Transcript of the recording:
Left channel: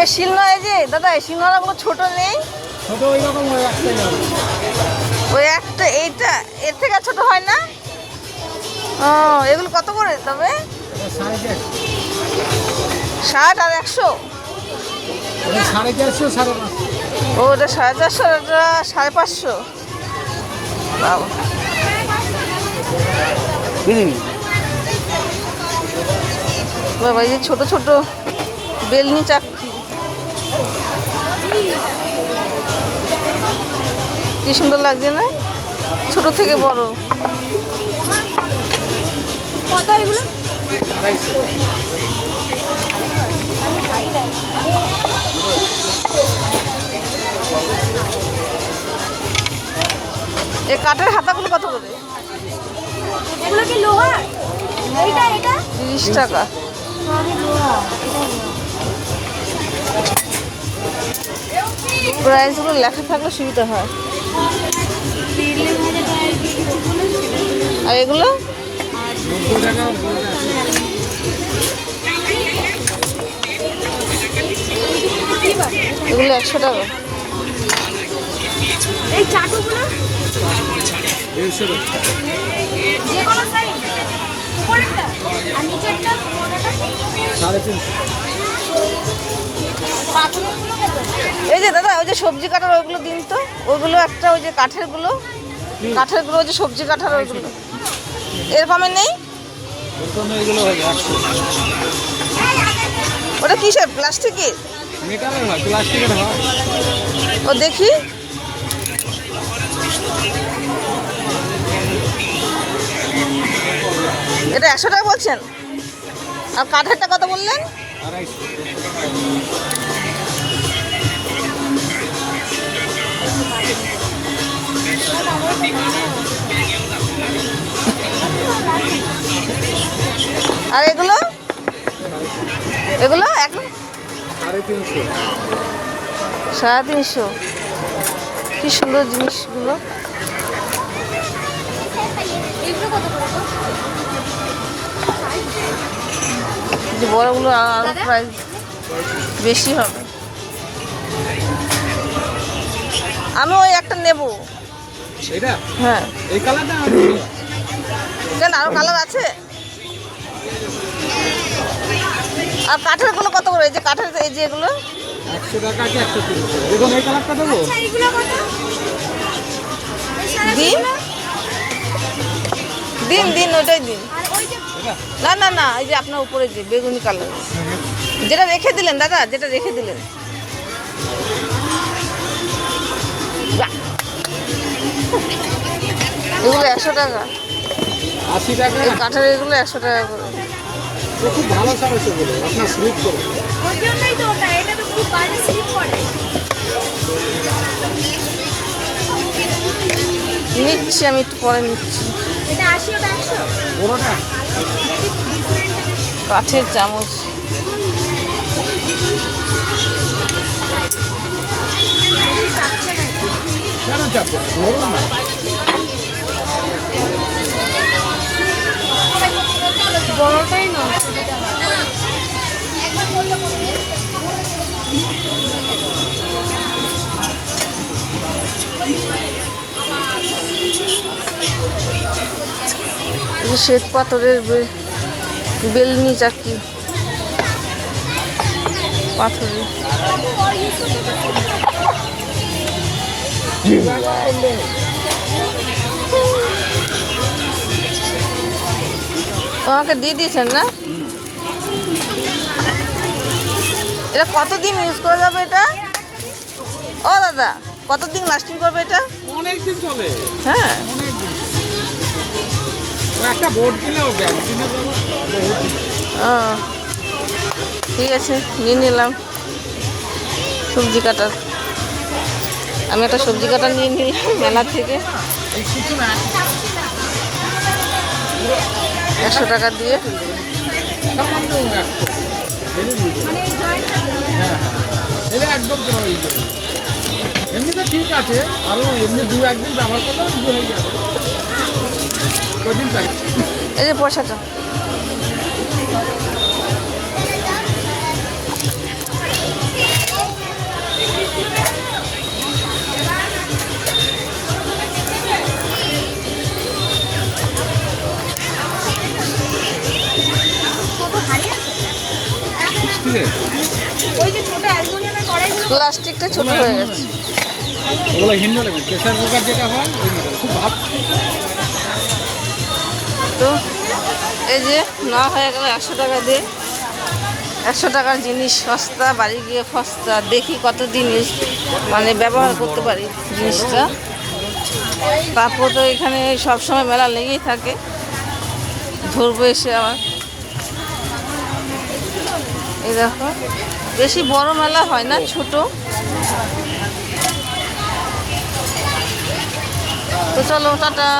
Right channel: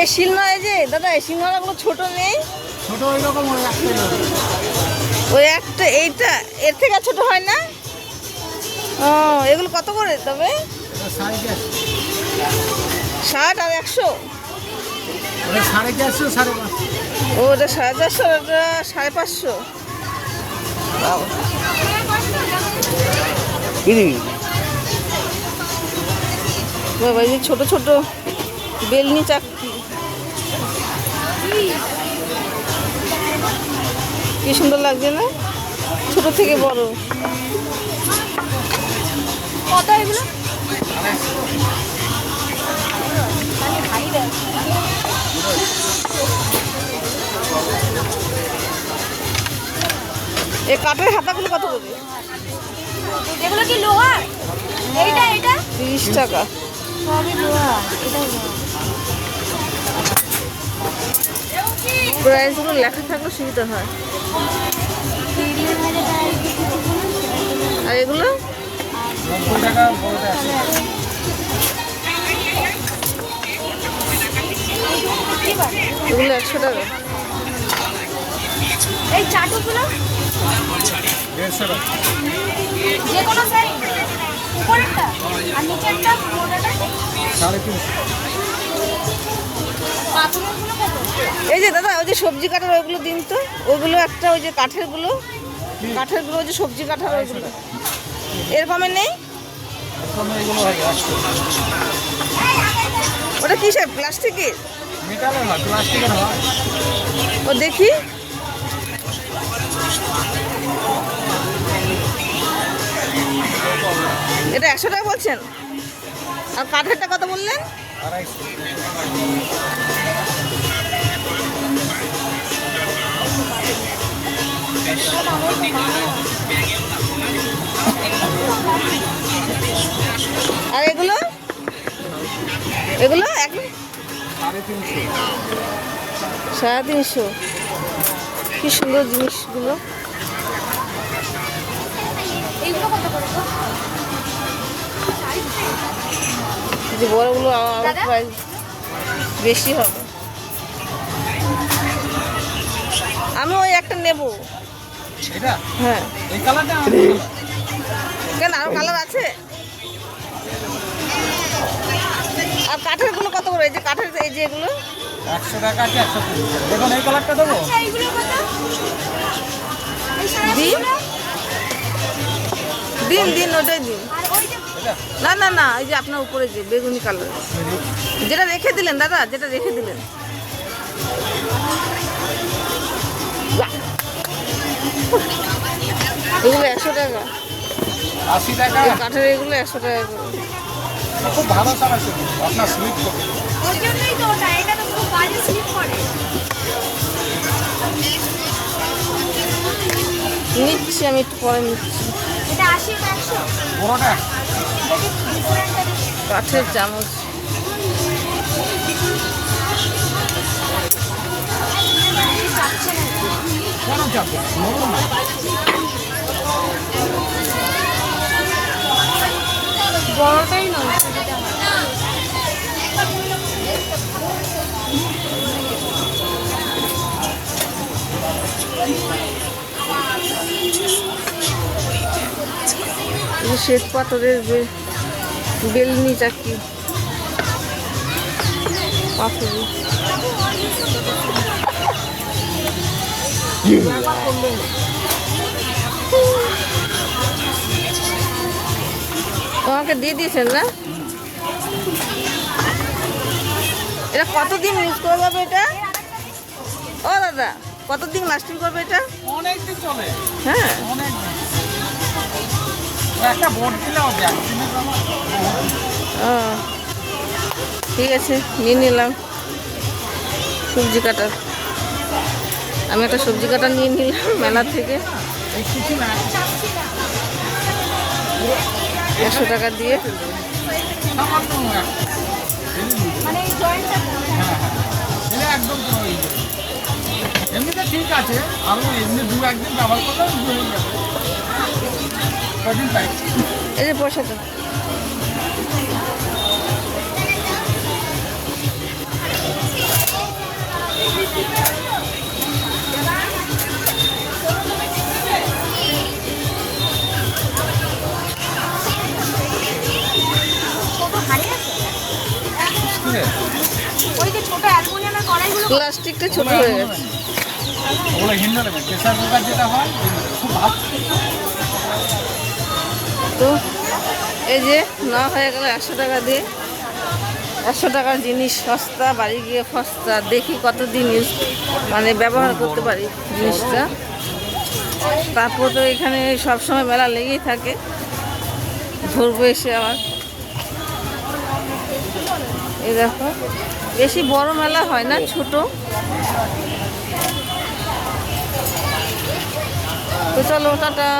এই শিলনোড়া, এই যে দাদা এই শিলনোড়াগুলো ছোট নেই? ছোট ওই রকম ওই একটা, এইটা এর থেকে ছোট হয় না? ও, এগুলো কত করে তবে? 60 আর 100? 450, 550। ও, ওটা 450, ওটা 550। বাবা, এই যে ছোট ছোট বেলনি চাকতি, কি সুন্দর লাগছে না? ছোট থেকে বড়। কত এগুলো? 250। এই কাঠের হাতাগুলো কত করে? এগুলো কি লোহা? এইটা 30 টাকা। প্রাইসগুলো লেখা থাকলে সুবিধা হয়। আর এগুলো 90 টাকা বড়টা আছে। এগুলো 100 টাকা। এই চাটুগুলো 150 টাকা। যে কোনো সাইজ, উপরেরটা আর নিচেরটা কোনটা? 350। পাথরেরগুলো কত? এই যে দাদা, ওই যে সবজি কাটার ওইগুলো দিন তো, ওইগুলো একটা, ওই যে কাঠেরগুলো, ওই যে সবজি কাটার ওইগুলো এরকমের নেই? প্রথমে এগুলো হয় 100। ওটা কিসের, প্লাস্টিকের? মেটালের হয়, প্লাস্টিকের হয়। ও দেখি। এটা 100 টাকা বলছেন? আর কাঠেরটা কত বললেন? 250। আর এগুলো এগুলো 350। 350। কি সুন্দর জিনিসগুলো। এগুলো কত? যে বড়গুলো আর প্রাইস বেশি হবে। আমি ওই একটা নেব। এটা হ্যাঁ। এই কালারটা কেন, আরো কালার আছে? আর কাঠেরগুলো কত করে? এই যে কাঠের, এই যে এগুলো 100 টাকা আছে, 130 টাকা। দেখুন এই কালারটা দেবো। আচ্ছা, এগুলো কত? এই সারা দিন দিন দিন, ওইটাই দিন। আর ওইটা এটা না না না, এই যে আপনার উপরে যে বেগুনি কালার, যেটা রেখে দিলেন দাদা, যেটা রেখে দিলেন। এগুলো 100 টাকা। 80 টাকা। কাঠের এগুলো 100 টাকা করে। ও খুব ভালো সার আছে বলে আপনার স্লিপ করবে। ওর জন্যই তো ওটা, এটা তো খুব বাজে স্লিপ করে। নিচ্ছি আমি, একটু পরে নিচ্ছি। এটা 80, ওটা 100। বড়টা কাঠের চামচ। কেন চাপবে, ধরুন না। বড়টাই না। শ্বেত পাথরের বেলনি চাকি, পাথরের। আমাকে দিয়ে দিয়েছেন না? এটা কতদিন ইউজ করা যাবে এটা? ও দাদা, কতদিন লাস্টিং করবে এটা? অনেক দিন চলে। হ্যাঁ, অনেক দিন। একটা বোর্ড কিনে হবে একদিনের ব্যবহার বহুত দিন। ও ঠিক আছে, নিয়ে নিলাম সবজি কাটার। আমি একটা সবজি কাটা নিয়ে নিলাম মেলা থেকে 100 টাকা দিয়ে। সামান্য একটা। মানে এই জয়েন্টটা হ্যাঁ হ্যাঁ, এটা একদম এমনি তো ঠিক আছে, আরও এমনি 2-1 দিন ব্যবহার করলেও হয়ে যাবে। কদিন থাকে? এই যে পয়সাটা কত হাড়ি আছে? ঠিক আছে ওই যে ছোট অ্যালুমিনিয়ামের কড়াইগুলো প্লাস্টিকটা ছোট হয়ে গেছে। ওগুলো হিন্ডো নেবেন, প্রেশার কুকার যেটা হয় ওই মডেল খুব ভাব। তো এই যে নেওয়া হয়ে গেল 100 টাকা দিয়ে। 100 টাকার জিনিস সস্তা, বাড়ি গিয়ে সস্তা। দেখি কতদিন মানে ব্যবহার করতে পারি জিনিসটা। তারপর তো এখানে সবসময় মেলা লেগেই থাকে, ধরবো এসে আবার। এই দেখো, বেশি বড় মেলা হয় না, ছোট। তো চলো, টাটা।